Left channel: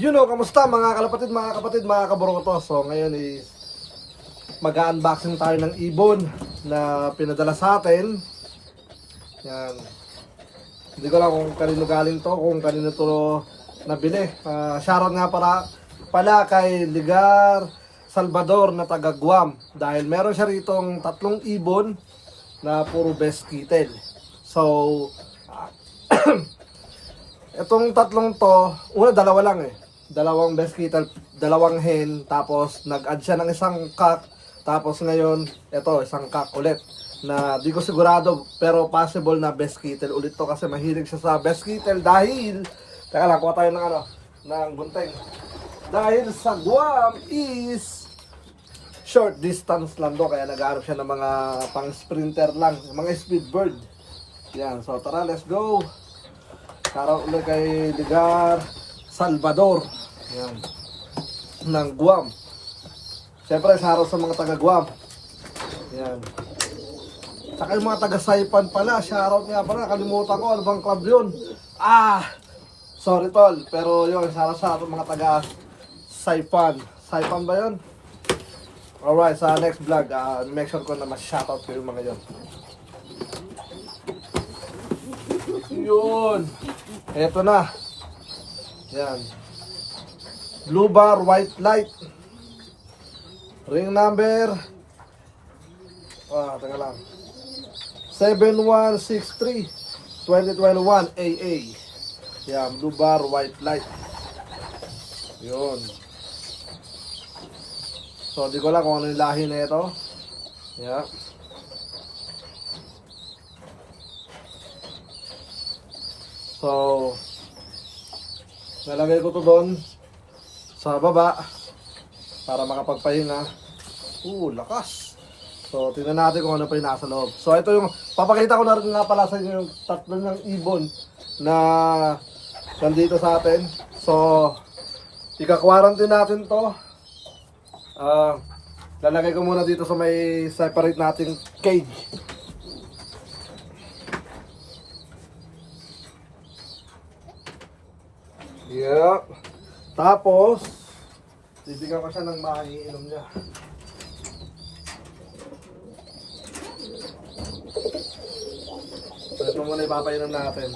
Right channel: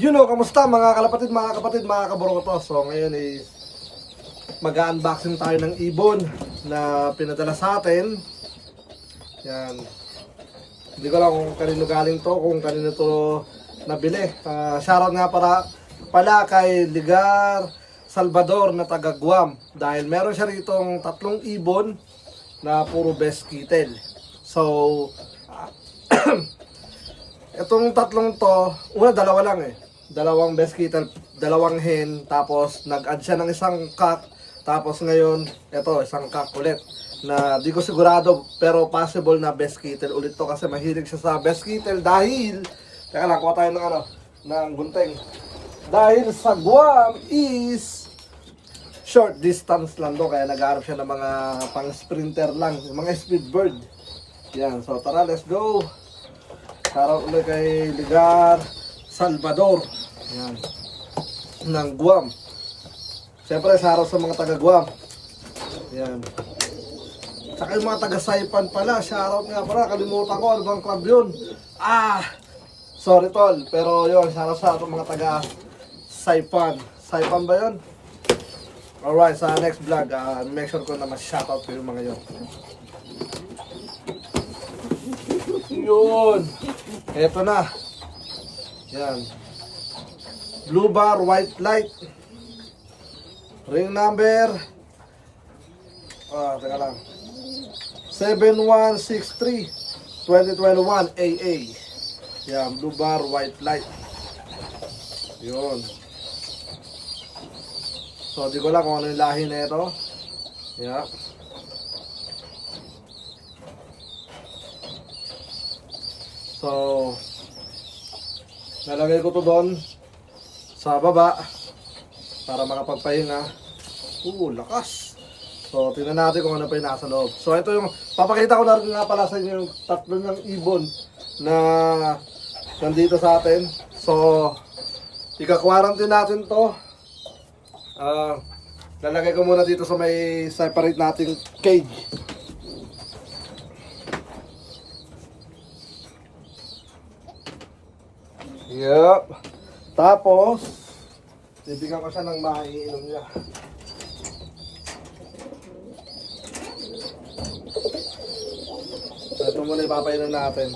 Kamusta mga kalapatid, mga kapatid, mga kaburo ko to. So ngayon is mag-unboxing tayo ng ibon na pinadala sa atin. Yan. Hindi ko lang kung kanino galing to, kung kanino to nabili. Shoutout nga pala kay Ligar Salvador na taga Guam. Dahil meron siya ritong 3 ibon na puro best kitten. So, itong 3 to, una dalawa lang eh. Dalawang best kitten, dalawang hen, tapos nag-add siya ng isang cock, tapos ngayon, ito, isang cock ulit. Na di ko sigurado, pero possible na best kitten ulit to kasi mahilig siya sa best kitten dahil, teka lang, kuha tayo ng gunting. Dahil sa Guam is short distance lang do, kaya nag-aarap siya ng mga pang sprinter lang, mga speed bird. Yan, so tara, let's go. Shoutout ulit kay Ligar Salvador. Yan. Ng Guam. Siyempre, shoutout sa mga taga Guam. Yan. Saka yung mga taga Saipan pala. Shoutout nga pala. Kalimutan ko. Ano bang club yun? Sorry tol. Pero yun, shoutout sa mga taga Saipan. Saipan ba yun? Alright, sa next vlog, make sure ko na ma-shoutout ko yung mga yun. Yun. Eto na. Yan. Blue bar, white light. Ring number. Teka lang. 7163 2021 AA. Yan, blue bar, white light. Yun. So, di ko lang kung ano yung lahi na ito. Yeah. So, nalagay ko to doon sa baba para makapagpahinga. Lakas. So, tingnan natin kung ano pa yung nasa loob. So, ito yung, papakita ko na rin nga pala sa inyo yung 3 ng ibon na nandito sa atin. So, ika-quarantine natin to. Lalagay ko muna dito sa may separate nating cage. Yep. Tapos, bibigyan ko siya ng maiinom niya. So, ito muna ipapainom natin.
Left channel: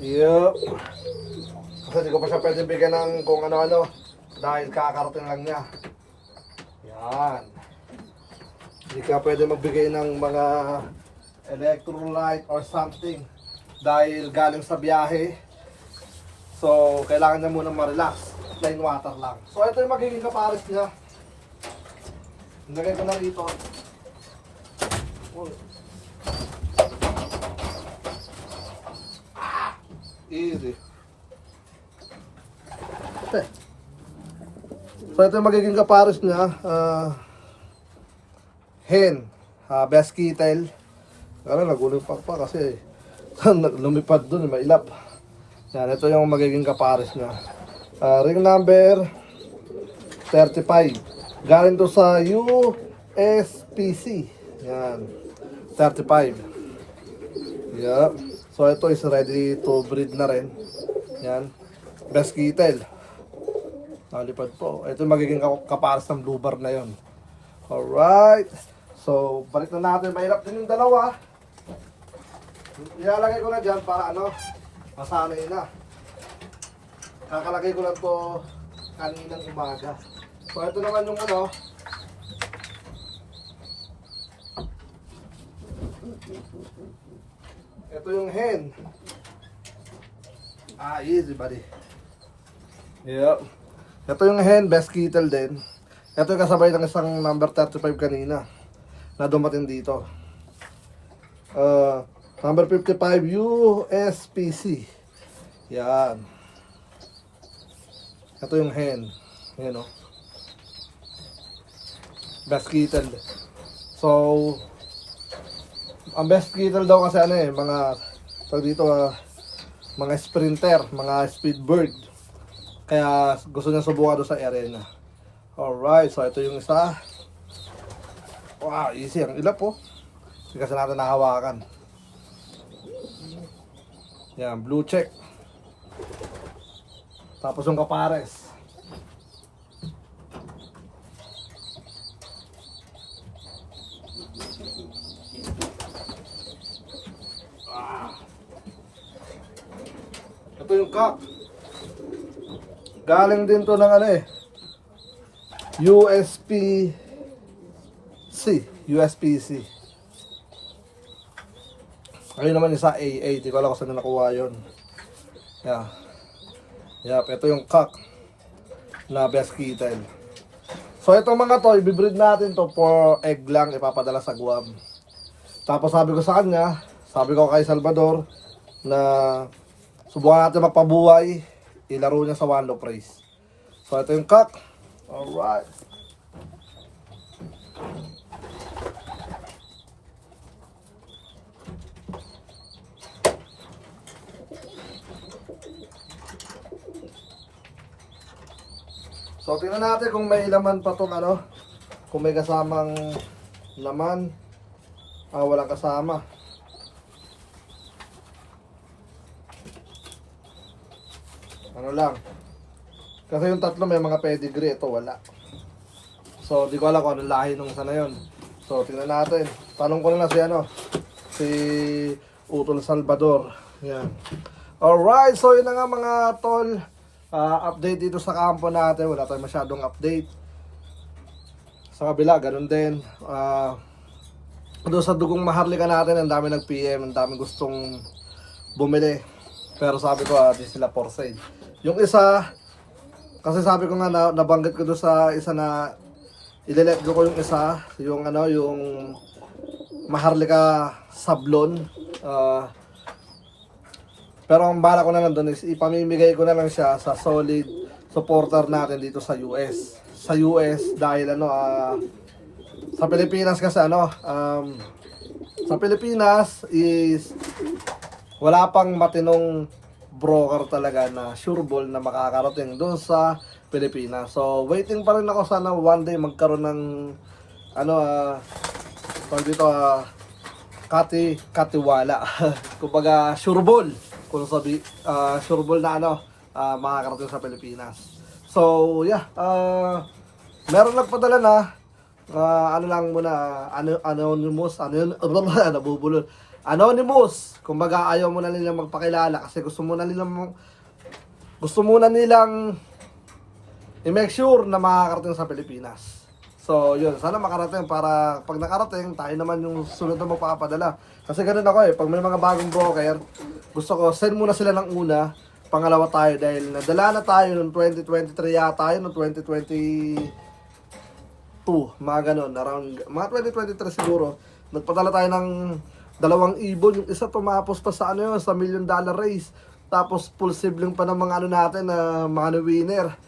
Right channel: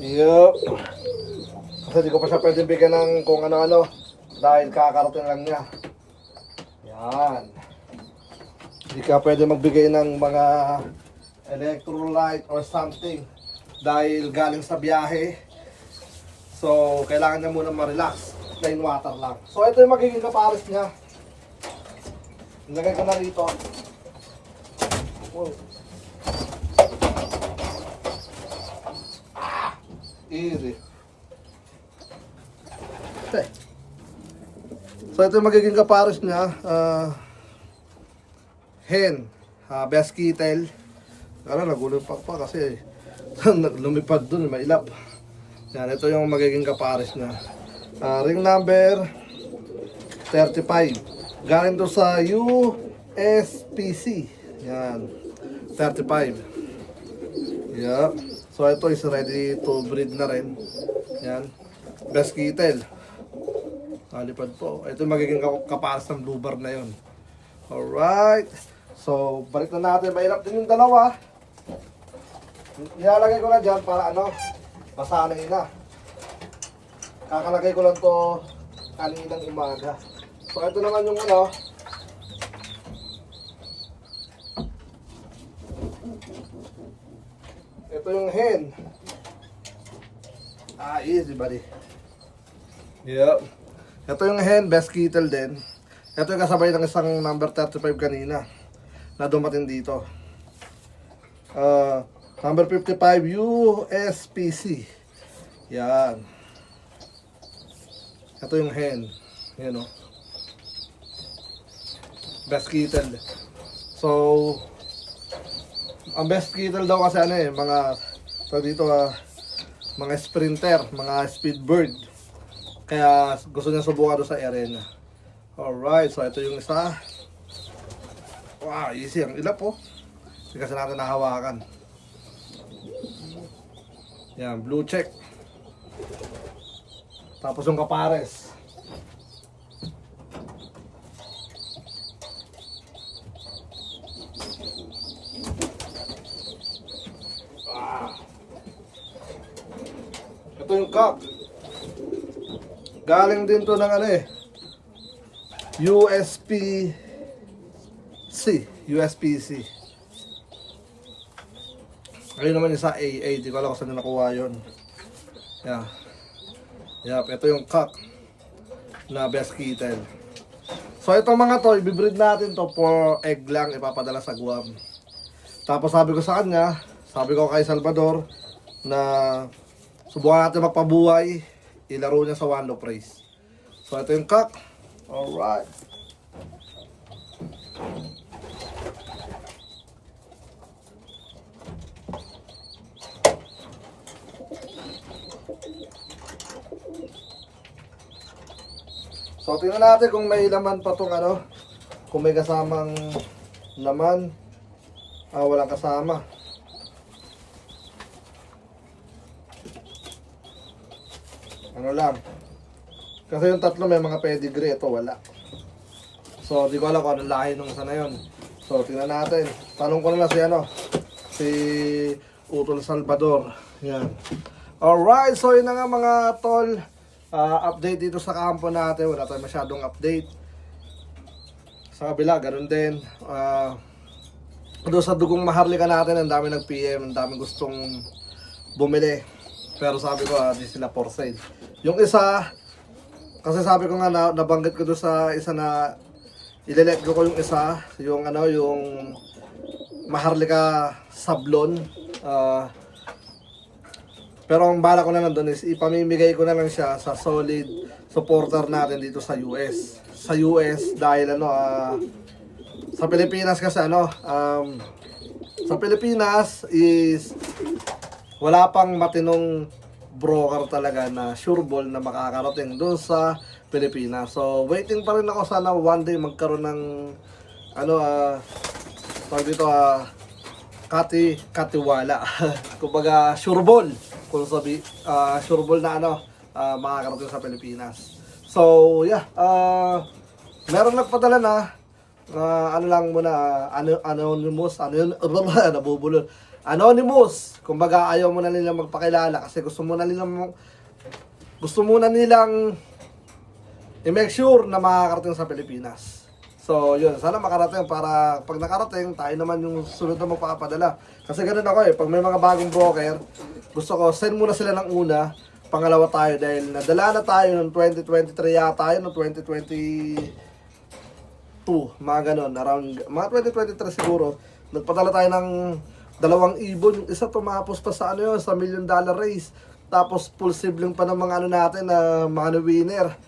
Yep. Kasi di ko pa siya pwede bigyan ng kung ano-ano. Dahil kakarating lang niya. Yan. Hindi ka pwede magbigay ng mga electrolyte or something. Dahil galing sa biyahe. So, kailangan niya muna ma-relax. Plain water lang. So, ito yung magiging kapares niya. Nilagay ko na rito. Easy. So, ito yung magiging kapares niya. Hen. Best kitten. Nagulipak pa kasi lumipad dun, mailap. Yan, ito yung magiging kapares niya. Ring number 35. Galing to sa USPC. Yan. 35. Yep. So ito is ready to breed na rin. Yan. Best kitten. Lipad po. Ito yung magiging kapares ng blue bar na yon. Alright. So, balik na natin. Mahirap din yung dalawa. Ilalagay ko na dyan para masanay na. Kakalagay ko lang to kaninang umaga. So ito naman yung ito yung hen. Easy buddy. Yep. Ito yung hen, best kitten din. Ito yung kasabay ng isang number 35 kanina na dumating dito. Number 55 USPC. Yan. Ito yung hen. Yan o. Best kitten. So, ang best kitten daw kasi mga dito mga sprinter, mga speed bird. Kaya gusto niya subukan doon sa arena. Alright, so ito yung isa. Wow, easy. Ang ilap po. Hindi kasi natin nahawakan. Yan, blue check. Tapos yung kapares. Ito yung cup. Galing din to ng ano eh. USPC. Ayun naman yung sa AA. Di ko alam kung saan nakuha yun. Yeah. Yup, ito yung cock na best kitten. So itong mga to, ibibreed natin to for egg lang, ipapadala sa Guam. Tapos sabi ko sa kanya, sabi ko kay Salvador na subukan natin magpabuhay, ilaro niya sa one low price. So ito yung cock. Alright. So tingnan natin kung may laman pa tong ano, kung may kasamang laman. Walang kasama. Ano lang. Kasi yung tatlo may mga pedigree, ito wala. So di ko alam kung anong lahi nung isa na yun. So tingnan natin. Tanong ko na lang si ano, si Utol Salvador. Yan. Alright, so yun na nga mga tol. Update dito sa kampo natin, wala tayong masyadong update. Sa kabila, ganun din. Doon sa dugong maharlika natin, ang dami nag-PM, ang dami gustong bumili. Pero sabi ko, di sila for sale. Yung isa, kasi sabi ko nga, nabanggit ko doon sa isa na ile-let go ko yung isa, yung ano, yung maharlika sablon. Pero ang bala ko na lang doon is ipamimigay ko na lang siya sa solid supporter natin dito sa US. Sa US dahil ano, sa Pilipinas kasi ano, sa Pilipinas is wala pang matinong broker talaga na sure ball na makakarating doon sa Pilipinas. So waiting pa rin ako, sana one day magkaroon ng ano, tawag dito, katiwala. Kumbaga sure ball. Kung sabi, sure ball na ano, makakarating sa Pilipinas. So, yeah, meron nagpadala na, ano lang muna, anonymous, ano yun, nabubulol. Anonymous, kumbaga ayaw muna nilang magpakilala kasi gusto muna nilang i-make sure na makakarating sa Pilipinas. So, yun, sana makarating para pag nakarating, tayo naman yung sunod na magpapadala. Kasi ganun ako eh, pag may mga bagong broker, gusto ko send muna sila ng una, pangalawa tayo dahil nadala na tayo noong 2023 yata yun, noong 2022, mga ganun, around, mga 2023 siguro, nagpadala tayo ng 2 ibon, yung isa tumapos pa sa ano yun, sa $1 million race, tapos full sibling pa ng mga ano natin, na mga winner,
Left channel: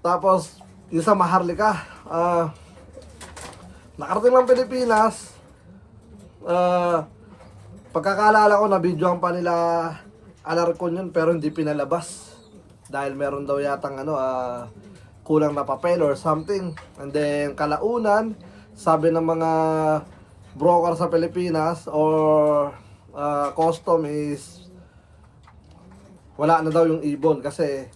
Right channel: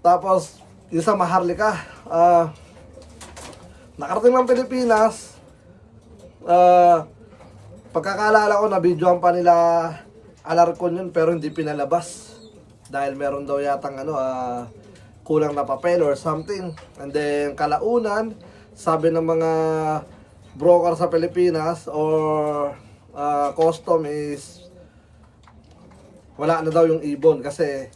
tapos yung sa maharlika, nakarating ng Pilipinas, pagkakaalala ko na videoan pa nila Alarcon yun pero hindi pinalabas dahil meron daw yatang ano, kulang na papel or something. And then kalaunan, sabi ng mga broker sa Pilipinas or custom is wala na daw yung ibon kasi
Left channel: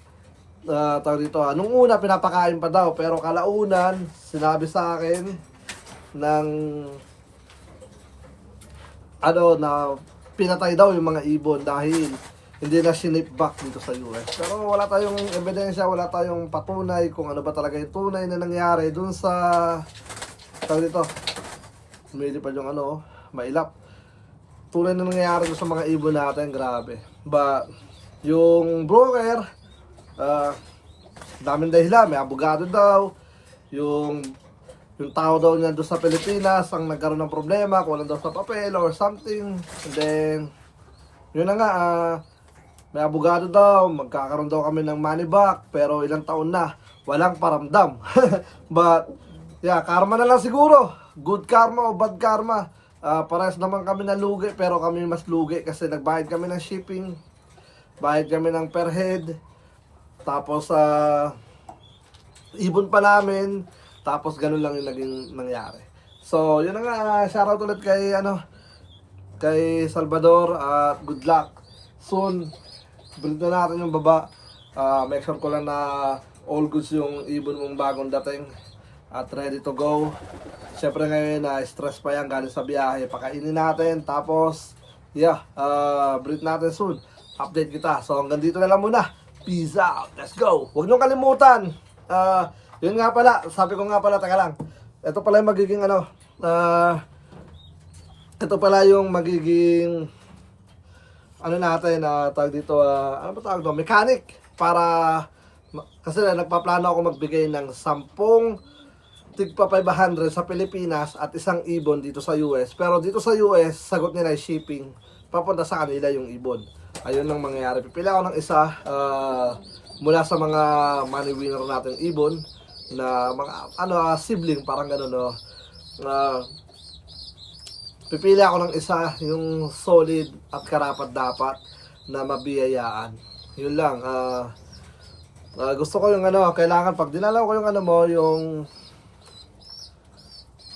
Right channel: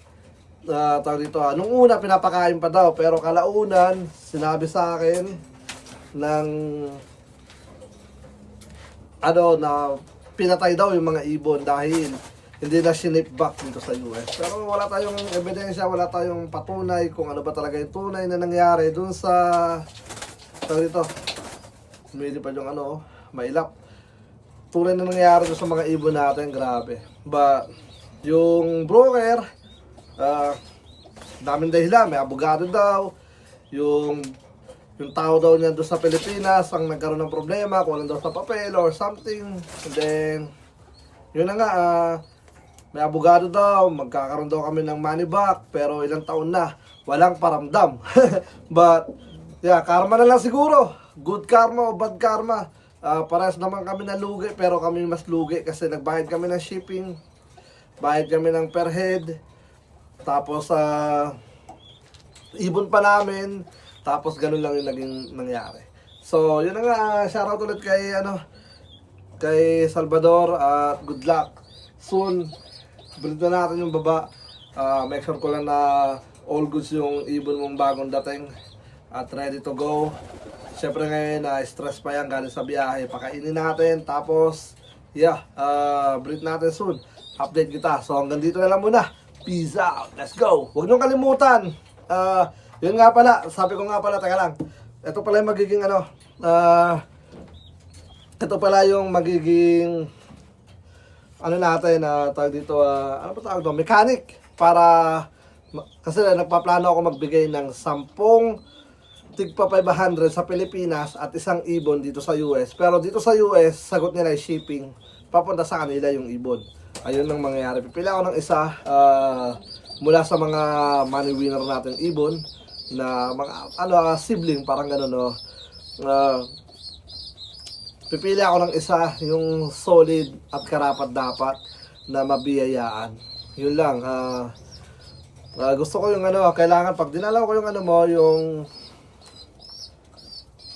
tawag dito, nung una pinapakain pa daw pero kalaunan sinabi sa akin ng ano na pinatay daw yung mga ibon dahil hindi na sinip back dito sa US. Pero wala tayong ebidensya, wala tayong patunay kung ano ba talaga yung tunay na nangyari dun sa tawag dito, hindi pa yung ano, mailap. Tunay na nangyari dun sa mga ibon natin, grabe. But yung broker, daming dahilan, may abogado daw, yung tao daw niya doon sa Pilipinas ang nagkaroon ng problema, kulang daw sa papel or something. And then, yun na nga, may abogado daw, magkakaroon daw kami ng money back, pero ilang taon na, walang paramdam. But, yeah, karma na lang siguro. Good karma o bad karma. Parehas naman kami nalugi, pero kami mas lugi kasi nagbayad kami ng shipping, bayad kami ng per head, tapos, ibon pa namin, tapos ganun lang yung naging nangyari. So, yun na nga, shoutout ulit kay, kay Salvador at good luck. Soon, breed na natin yung baba. Make sure ko lang na all goods yung ibon mong bagong dating at ready to go. Siyempre ngayon stress pa yan galing sa biyahe. Pakainin natin tapos breed natin soon. Update kita. So hanggang dito na lang muna. Peace out. Let's go. Huwag niyong kalimutan. Yun nga pala. Sabi ko nga pala, teka lang. Ito pala yung magiging ito pala yung magiging natin, tawag dito, ano ba tawag doon? Mechanic. Kasi nagpaplano ako magbigay ng 10 tigpa 500 sa Pilipinas at isang ibon dito sa US. Pero dito sa US, sagot nila ay shipping. Papunta sa kanila yung ibon. Ayun ang mangyayari. Pipili ako ng isa mula sa mga money winner natin ibon na mga sibling, parang gano'n, no? Pipili ako ng isa yung solid at karapat dapat na mabiyayaan. Yun lang. Gusto ko yung kailangan pag dinalaw ko yung yung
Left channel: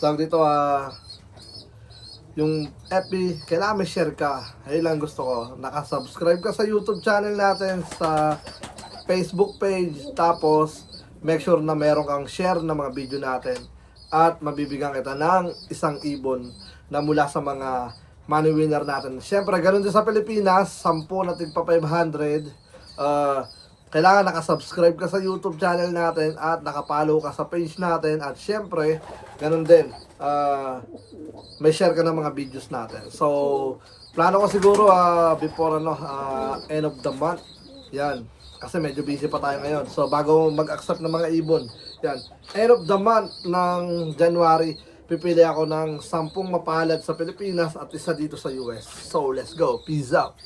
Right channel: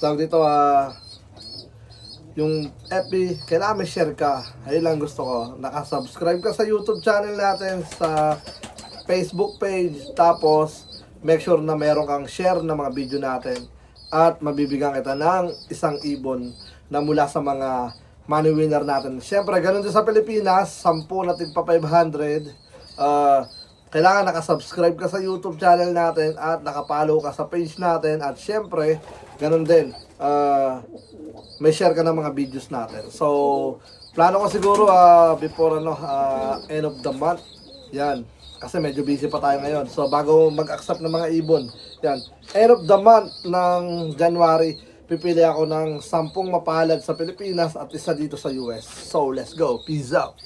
tawag dito, yung FB, kailangan may share ka. Ayun lang gusto ko. Nakasubscribe ka sa YouTube channel natin, sa Facebook page, tapos make sure na meron kang share ng mga video natin at mabibigyan kita ng isang ibon na mula sa mga money winner natin. Siyempre, ganun din sa Pilipinas, 10 na tigpa 500. Kailangan nakasubscribe ka sa YouTube channel natin at nakapollow ka sa page natin. At siyempre, ganun din, may share ka ng mga videos natin. So, plano ko siguro before end of the month. Yan. Kasi medyo busy pa tayo ngayon. So, bago mag-accept ng mga ibon, yan. End of the month ng January, pipili ako ng 10 mapalad sa Pilipinas at isa dito sa US. So, let's go. Peace out.